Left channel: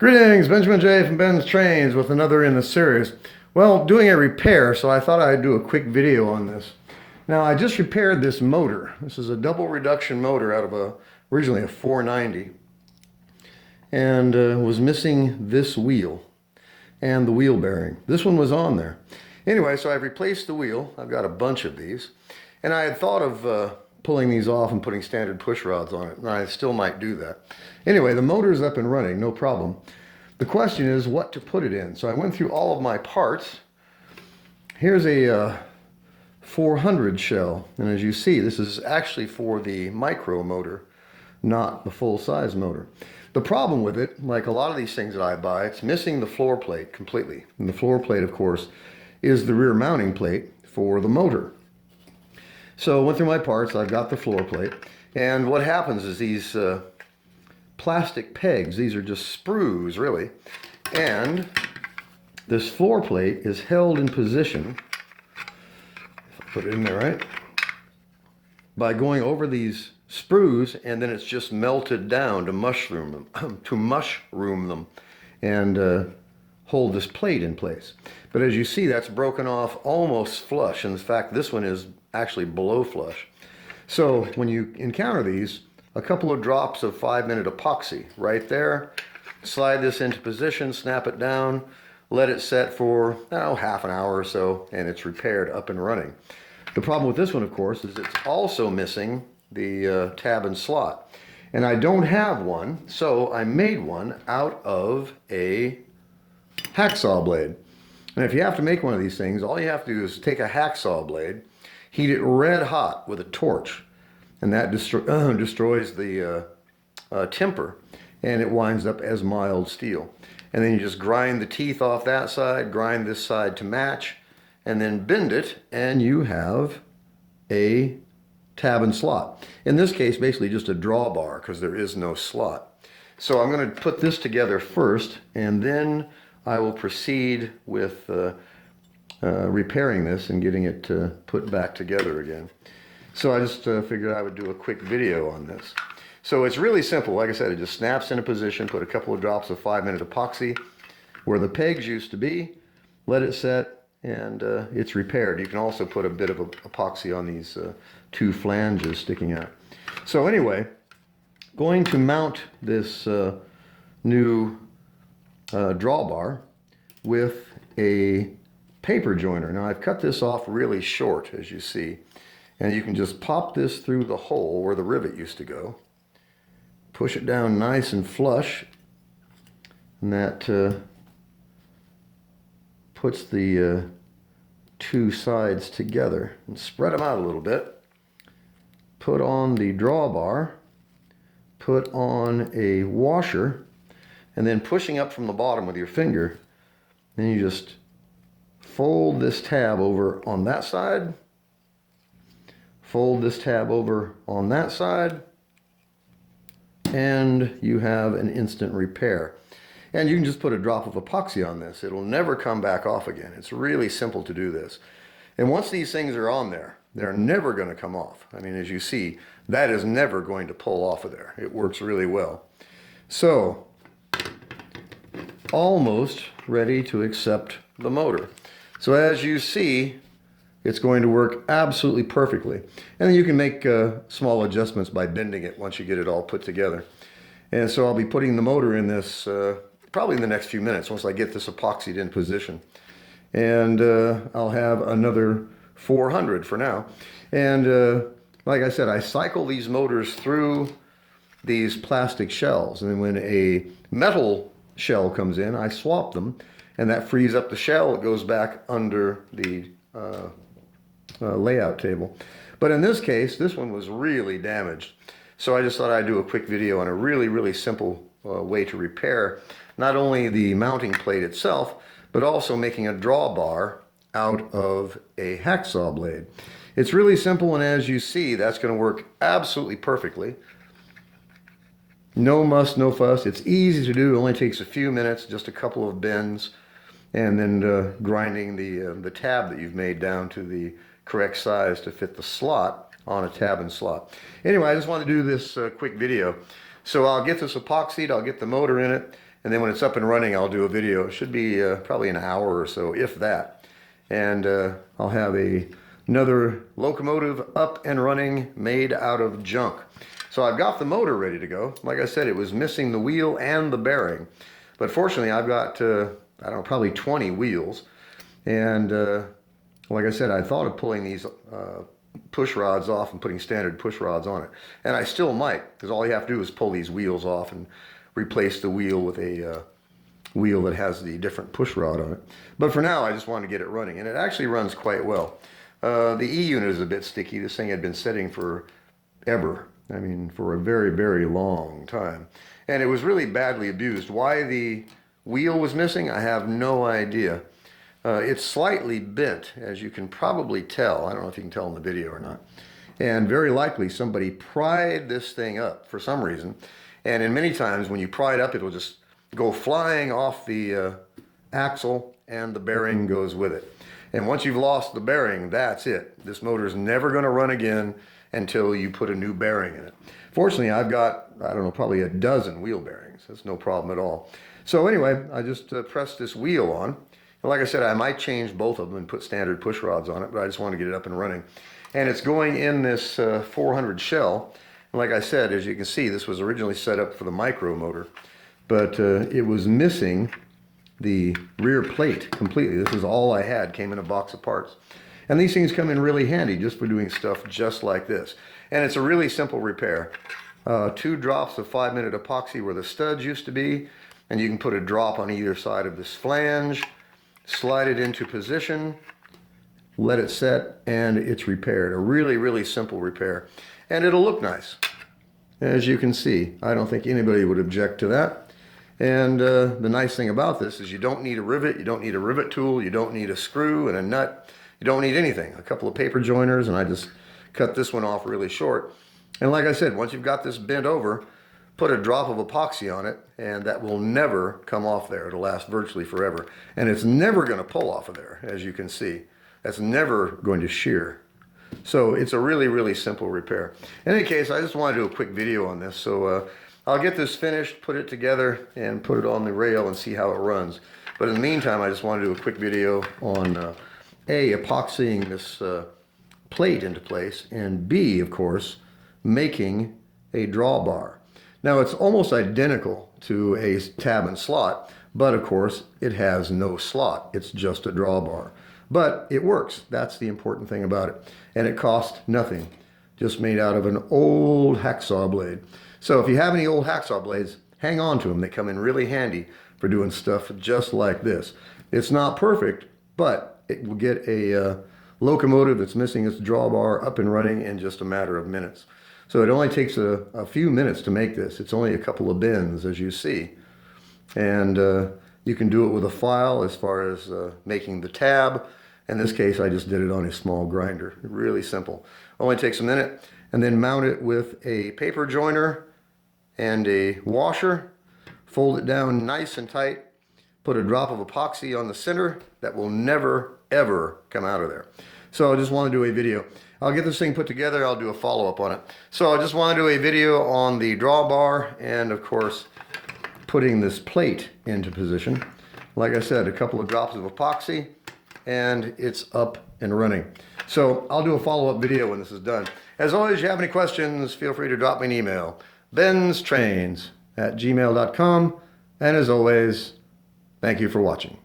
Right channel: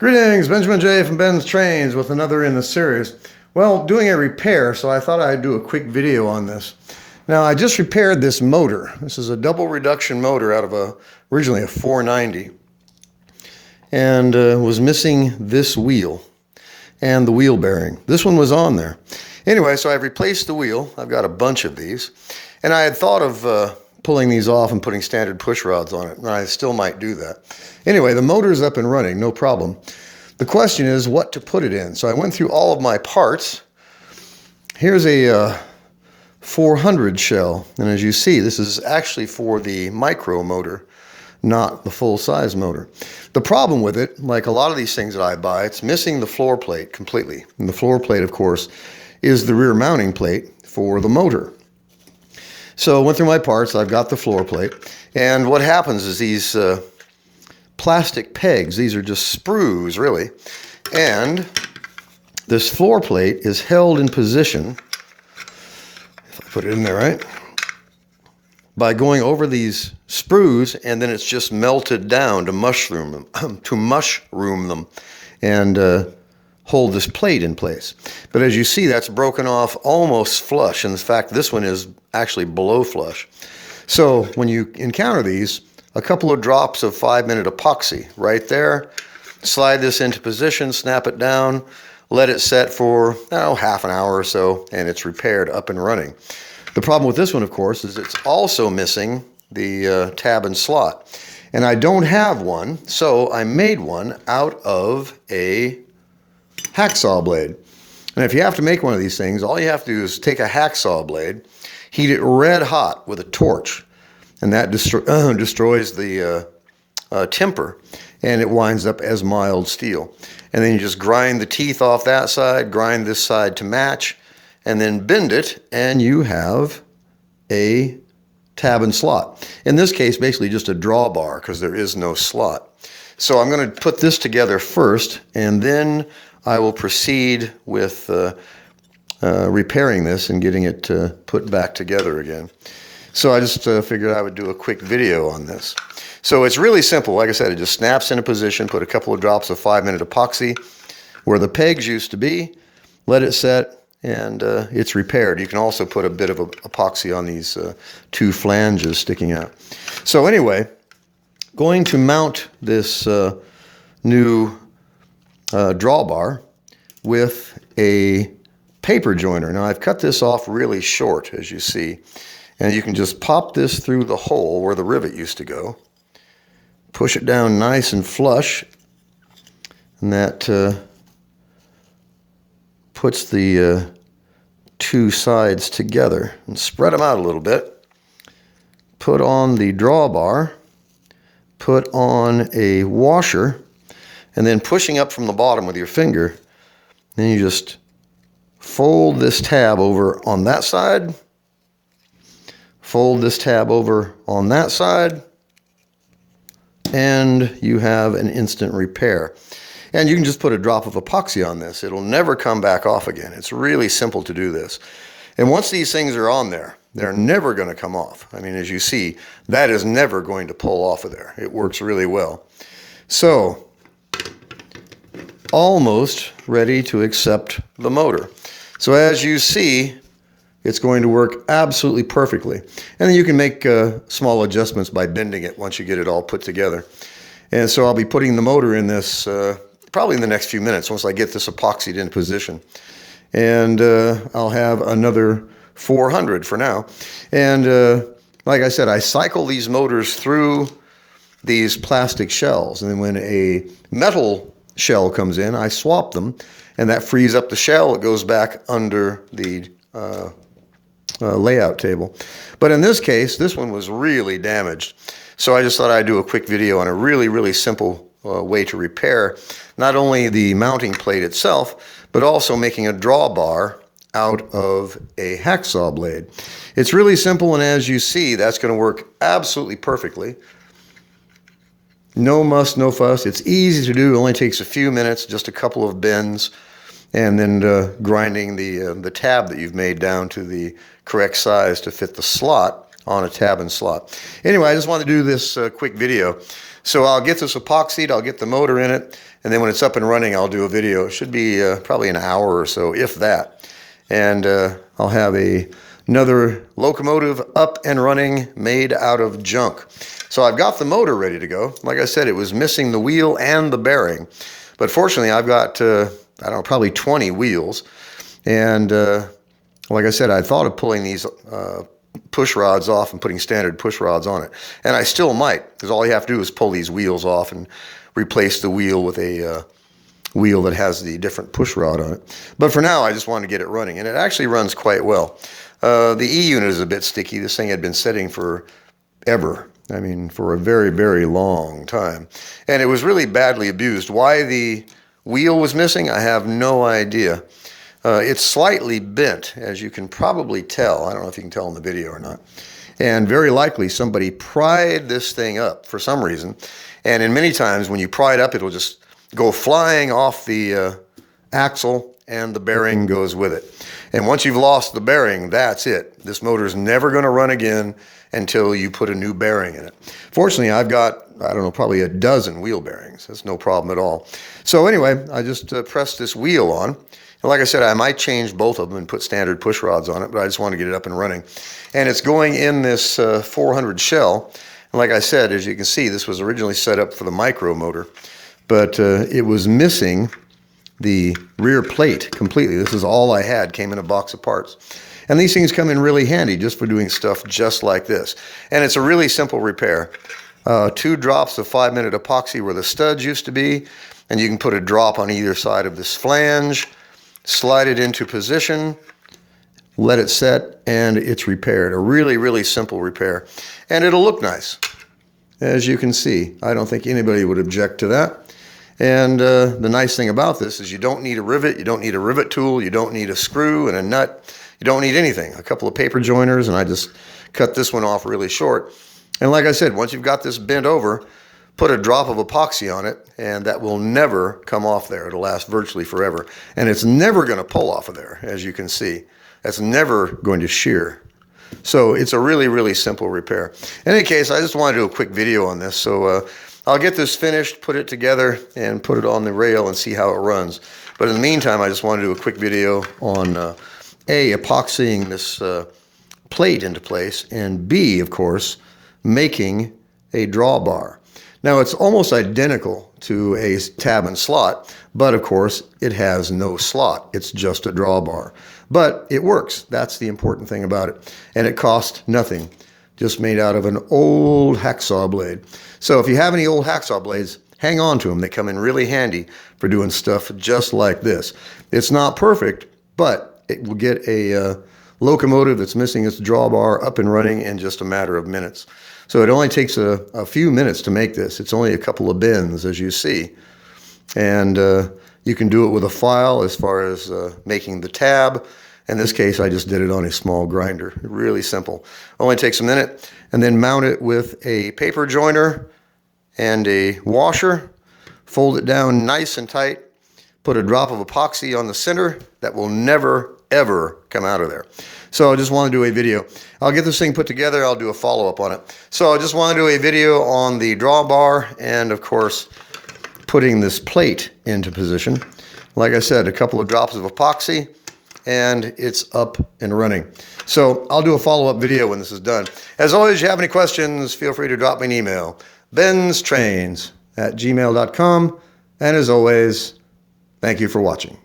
Greetings, Benjamin J. from BENZTRAINZ with another in the series. Well, doing a repair, so I thought I'd do a quick video on this. Now, I just repaired this motor. This is a double reduction motor out of originally a 490. And was missing this wheel and the wheel bearing. This one was on there. Anyway, so I've replaced the wheel. I've got a bunch of these. And I had thought of pulling these off and putting standard push rods on it, and I still might do that. Anyway, the motor's up and running, no problem. The question is what to put it in. So I went through all of my parts. Here's a 400 shell, and as you see, this is actually for the micro motor, not the full-size motor. The problem with it, like a lot of these things that I buy, it's missing the floor plate completely. And the floor plate, of course, is the rear mounting plate for the motor. So I went through my parts, I've got the floor plate, and what happens is these plastic pegs, these are just sprues really, and this floor plate is held in position, if I put it in there right, by going over these sprues, and then it's just melted down to mushroom them, and hold this plate in place. But as you see, that's broken off almost flush. In fact, this one is actually below flush. So when you encounter these, a couple of drops of 5-minute epoxy right there, slide this into position, snap it down, let it set for, half an hour or so, and it's repaired, up and running. The problem with this one, of course, is it's also missing the tab and slot. And I don't have one, so I made one out of a hacksaw blade. And if you have to make one of these things, all you have to do is take a hacksaw blade, heat it red hot with a torch, and that destroys the temper, and it winds up as mild steel. And then you just grind the teeth off that side, grind this side to match, and then bend it, and you have a tab and slot. In this case, basically just a drawbar, because there is no slot. So I'm going to put this together first, and then I will proceed with repairing this and getting it put back together again. So I just figured I would do a quick video on this. So it's really simple. Like I said, it just snaps into position, put a couple of drops of 5-minute epoxy where the pegs used to be, let it set, and it's repaired. You can also put a bit of epoxy on these two flanges sticking out. So anyway, going to mount this new drawbar with a paper joiner. Now I've cut this off really short, as you see, and you can just pop this through the hole where the rivet used to go, push it down nice and flush, and that puts the two sides together, and spread them out a little bit. Put on the drawbar, put on a washer, and then pushing up from the bottom with your finger, then you just fold this tab over on that side, fold this tab over on that side, and you have an instant repair. And you can just put a drop of epoxy on this. It'll never come back off again. It's really simple to do this. And once these things are on there, they're never going to come off. I mean, as you see, that is never going to pull off of there. It works really well. So, almost ready to accept the motor. So as you see, it's going to work absolutely perfectly. And then you can make small adjustments by bending it once you get it all put together. And so I'll be putting the motor in this probably in the next few minutes once I get this epoxied in position. And I'll have another 400 for now. And like I said, I cycle these motors through these plastic shells. And then when a metal shell comes in, I swap them, and that frees up the shell. It goes back under the layout table. But in this case, this one was really damaged. So I just thought I'd do a quick video on a really, really simple way to repair not only the mounting plate itself, but also making a drawbar out of a hacksaw blade. It's really simple, and as you see, that's going to work absolutely perfectly. No muss, no fuss. It's easy to do. It only takes a few minutes, just a couple of bends, and then grinding the tab that you've made down to the correct size to fit the slot on a tab and slot. Anyway, I just wanted to do this quick video. So I'll get this epoxied, I'll get the motor in it, and then when it's up and running, I'll do a video. It should be probably an hour or so, if that. And I'll have another locomotive up and running made out of junk. So I've got the motor ready to go. Like I said, it was missing the wheel and the bearing. But fortunately, I've got, I don't know, probably 20 wheels. And like I said, I thought of pulling these push rods off and putting standard push rods on it. And I still might, because all you have to do is pull these wheels off and replace the wheel with a wheel that has the different push rod on it. But for now, I just wanted to get it running. And it actually runs quite well. The E-unit is a bit sticky. This thing had been sitting for ever. I mean, for a very, very long time. And it was really badly abused. Why the wheel was missing, I have no idea. It's slightly bent, as you can probably tell. I don't know if you can tell in the video or not. And very likely somebody pried this thing up for some reason. And in many times when you pry it up, it'll just go flying off the axle and the bearing goes with it. And once you've lost the bearing, that's it. This motor is never going to run again until you put a new bearing in it. Fortunately, I've got, I don't know, probably a dozen wheel bearings. That's no problem at all. So anyway, I just pressed this wheel on. And like I said, I might change both of them and put standard push rods on it, but I just want to get it up and running. And it's going in this 400 shell. And like I said, as you can see, this was originally set up for the micro motor, but it was missing the rear plate completely. This is all I had, came in a box of parts. And these things come in really handy just for doing stuff just like this. And it's a really simple repair. 2 drops of 5-minute epoxy where the studs used to be, and you can put a drop on either side of this flange, slide it into position, let it set, and it's repaired. A really, really simple repair. And it'll look nice. As you can see, I don't think anybody would object to that. And the nice thing about this is you don't need a rivet, you don't need a rivet tool, you don't need a screw and a nut, you don't need anything. A couple of paper joiners, and I just cut this one off really short. And like I said, once you've got this bent over, put a drop of epoxy on it, and that will never come off there. It'll last virtually forever. And it's never going to pull off of there, as you can see. That's never going to shear. So it's a really, really simple repair. In any case, I just want to do a quick video on this. So I'll get this finished, put it together, and put it on the rail and see how it runs. But in the meantime, I just want to do a quick video on epoxying this plate into place, and B, of course, making a drawbar. Now, it's almost identical to a tab and slot, but of course, it has no slot. It's just a drawbar. But it works. That's the important thing about it. And it cost nothing. Just made out of an old hacksaw blade. So if you have any old hacksaw blades, hang on to them. They come in really handy for doing stuff just like this. It's not perfect, but it will get a locomotive that's missing its drawbar up and running in just a matter of minutes. So it only takes a few minutes to make this. It's only a couple of bends, as you see. And you can do it with a file as far as making the tab. In this case, I just did it on a small grinder. Really simple. Only takes a minute. And then mount it with a paper joiner and a washer. Fold it down nice and tight. Put a drop of epoxy on the center. That will never, ever come out of there. So I just want to do a video. I'll get this thing put together. I'll do a follow-up on it. So I just want to do a video on the drawbar and, of course, putting this plate into position. Like I said, a couple of drops of epoxy, and it's up and running. So I'll do a follow-up video when this is done. As always, if you have any questions, feel free to drop me an email. BENZTRAINZ@gmail.com. And as always, thank you for watching.